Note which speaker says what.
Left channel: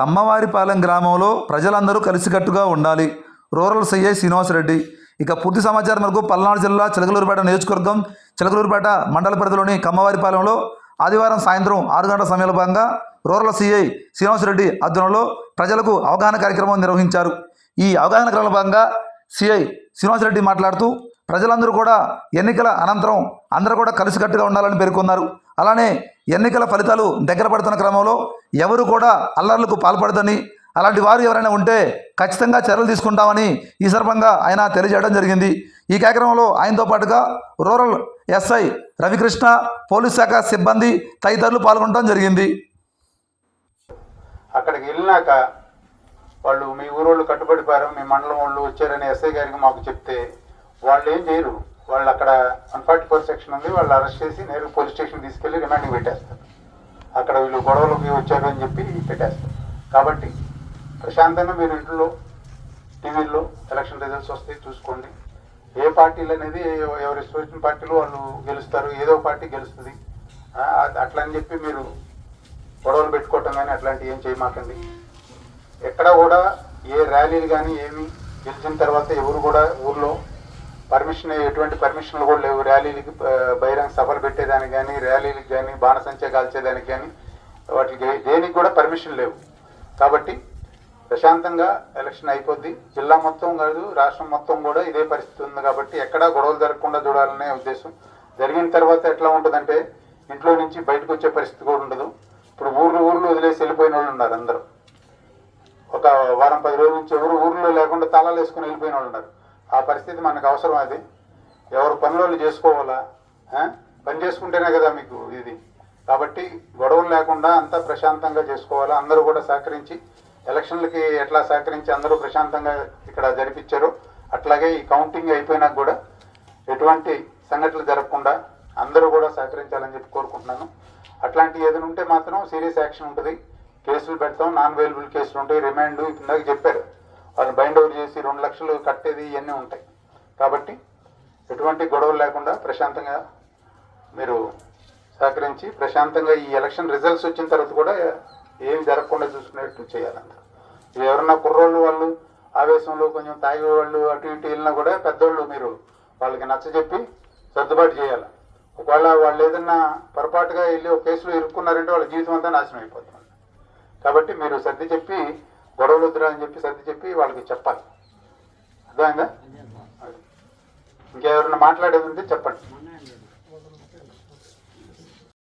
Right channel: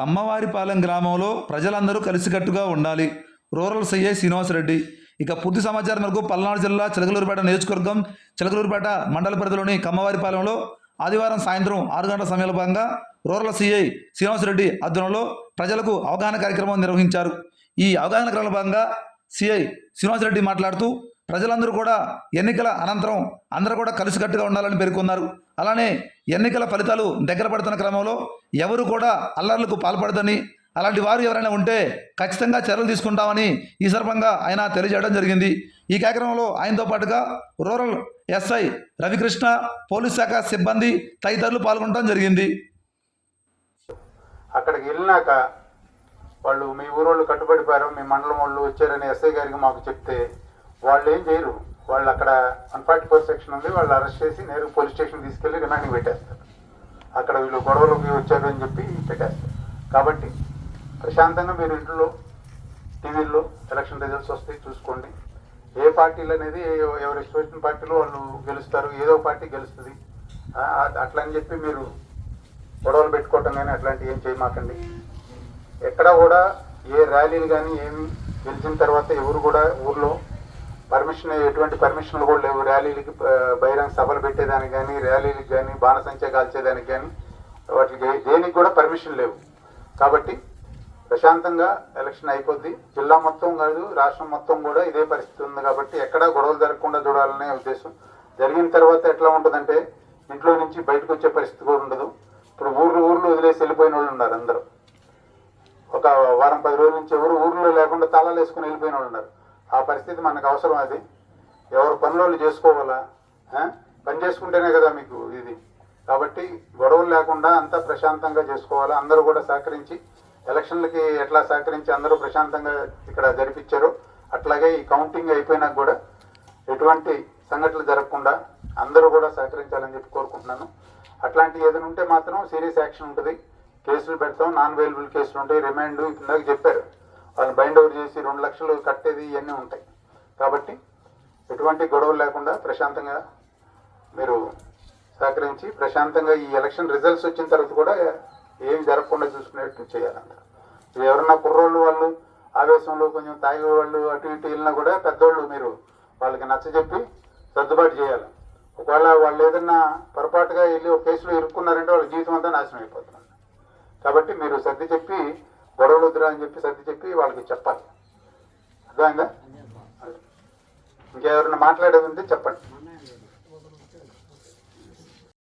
Speaker 1: కమ్మవారిపాలెం గ్రామంలో ప్రజలందరూ కలిసికట్టుగా ఉండాలి. Rural CI Srinivasareddy. ఇక పూర్తి సమాచారం వరకు పల్నాడు జిల్లా చిలకలూరుపేట నియోజకవర్గం చిలకలూరుపేట మండల పరిధిలోని కమ్మవారిపాలెంలో ఆదివారం సాయంత్రం ఆరు గంటల సమయంలో భాగంగా రూరల్ సీఐ శ్రీనివాసరెడ్డి ఆధ్వర్యంలో ప్రజలకు అవగాహన కార్యక్రమం నిర్వహించారు. ఈ అవగాహన కార్యక్రమంలో భాగంగా సిఐ శ్రీనివాసరెడ్డి మాట్లాడుతూ ప్రజలందరూ కూడా ఎన్నికల అనంతరం అందరూ కూడా కలిసికట్టుగా ఉండాలని పేర్కొన్నారు. అలానే ఎన్నికల ఫలితాలు దగ్గర పడుతున్న క్రమంలో ఎవరు కూడా అల్లర్లకు పాల్పడదని అలాంటి వారు ఎవరైనా ఉంటే ఖచ్చితంగా చర్యలు తీసుకుంటామని ఈ సందర్భంగా ఆయన తెలియజేయడం జరిగింది. ఈ కార్యక్రమంలో ఆయనతో పాటుగా రూరల్ ఎస్ఐ రవికృష్ణ పోలీస్ శాఖ సిబ్బంది తదితరులు పాల్గొనడం జరిగింది.
Speaker 2: అక్కడికి వెళ్ళినాక వాళ్ళు మీ ఊరోళ్ళు కట్టుబడిపారు మీ మండలం వాళ్ళు వచ్చారని ఎస్ఐ గారికి మాకు చెప్తే వాళ్ళు ఏం చేయరు. వాళ్ళు అక్కడ వన్ ఫార్టీ ఫోర్ సెక్షన్ ఉంది వాళ్ళు అరెస్ట్ చేసి నేరుగా పోలీస్ స్టేషన్ తీసుకెళ్ళి రిమాండింగ్ పెట్టేస్తారు. అక్కడ వీళ్ళు గొడవలోకి వచ్చారు అని చెప్పి పెట్టేస్తారు. కాబట్టి ప్రశాంతంగా మీరు ఇంట్లో టీవీల్లో ఎలక్షన్ రిజల్ట్స్ వస్తాయి చూసుకోండి. ఏ పార్టీలు అనేది ఎవరి ఇష్టం పార్టీలు వాళ్ళు గెలుస్తారు ఏదో పార్టీ గెలుస్తుంది. అట్లా అని చెప్పి మీరు గొడవలు పెట్టుకోవటం కానీ అట్లాంటివి ఏం చేయమాకండి. ఎక్కడ కూడా ఏ ర్యాలీలు కానీ ఏమి గెలిచిన తర్వాత ఎవరు కూడా ఊర్లో పర్మిషన్ ఎటువంటి పర్మిషన్లు కూడా లేవు. ర్యాలీలకి బహిరంగ సభలు పెట్టేదానికి కానీ ర్యాలీలకు కానీ బాణసంచ కాల్చేదానికి కానీ వాటికి దేనికి కూడా పర్మిషన్ లేవు. కాబట్టి ప్రశాంతంగా ఎలక్షన్ అయిపోద్ది. జిల్లా మొత్తం కాదు రాష్ట్రం మొత్తం కూడా ఇదే పరిస్థితి ఉంది కాబట్టి ఎక్కడా గొడవలు జరగకుండా చూడాలనే ఉద్దేశం. జరిగిన తర్వాత ఎట్లా ఉంటుందంటే ఇంట్లో నుంచి బయటకు వచ్చే పరిస్థితి కూడా ఉండదు. ఇప్పుడు ఊర్లు ఊర్లు వదిలేసి వెళ్ళిపోయిన వాళ్ళు ఉన్నారు అందరూ. ఒక వారం పది రోజుల నుంచి ఎవరు ఊర్లో లేకుండా తాళాలు వేసుకుని వెళ్ళిపోయిన వాళ్ళు ఉన్నారు. ఆ పరిస్థితి మనకు అవసరం అది. ఎవరు పనులు చేసుకోవాలా? పని చేసుకుంటేనే కదా మీకు ఇది. కాబట్టి గొడవలు లేకుండా అంతా ప్రశాంతంగా చేసుకోవాలా. అందరూ కూడా సహకరించి ఎలక్షన్లకి ఎట్లా సహకరించి అందరూ ప్రశాంతంగా ఇక్కడ జరిపించారో అట్లాగే ఈ కౌంటింగ్ అయిపోయినాక కూడా ఎటువంటి సంఘటనలు జరగకుండా అందరూ కూడా సహకరించాలని చెప్పి కోరుకుంటున్నాను. అట్లాంటి ఏదైనా ఉంటే మాత్రం సీరియస్ యాక్షన్ ఉంటుంది. కేసులు పెడతాం. నాన్ అవైలబుల్ కేసులు ఉంటాయి. రిమాండ్ ఇందాక చెప్పారు. బైండ్ అవుట్ చేసి రెండు లక్షలు కట్టేది ఇవన్నీ ఉంటాయి. కాబట్టి ఎటువంటి గొడవలు లేకుండా ప్రశాంతంగా మీరు సహకరించి ప్రశాంతంగా ఈ ఎలక్షన్ రిజల్ట్స్ వచ్చిన తర్వాత కూడా ఏమి జరగకుండా చూసుకునేట్టు చేయాలంట ఇది ఎవరన్నా కుర్రోళ్ళు వాళ్ళు ఆవేశంలో కొంచెం తాగి వాళ్ళు అటు ఇటు వెళ్ళినా కూడా పెద్దోళ్ళు మీరు వాళ్ళకి నచ్చజెప్పి సర్దుబాటు చేయాలి. ఒకవేళ వాళ్ళు ఏదన్నా పొరపాటుగా వెళ్ళి ఒక కేసులో ఇరుక్కున్నారంటే వాళ్ళ జీవితం అంతా నాశనం అయిపోతుంది. కాబట్టి మీరు సర్ది చెప్పి గొడవలు వద్దురా అని చెప్పి సర్ది చెప్పి వాళ్ళకి చెప్పాలి. అర్థమైందా? ఇంకెవరైనా మాట్లాడేది ఉంటే చెప్పండి.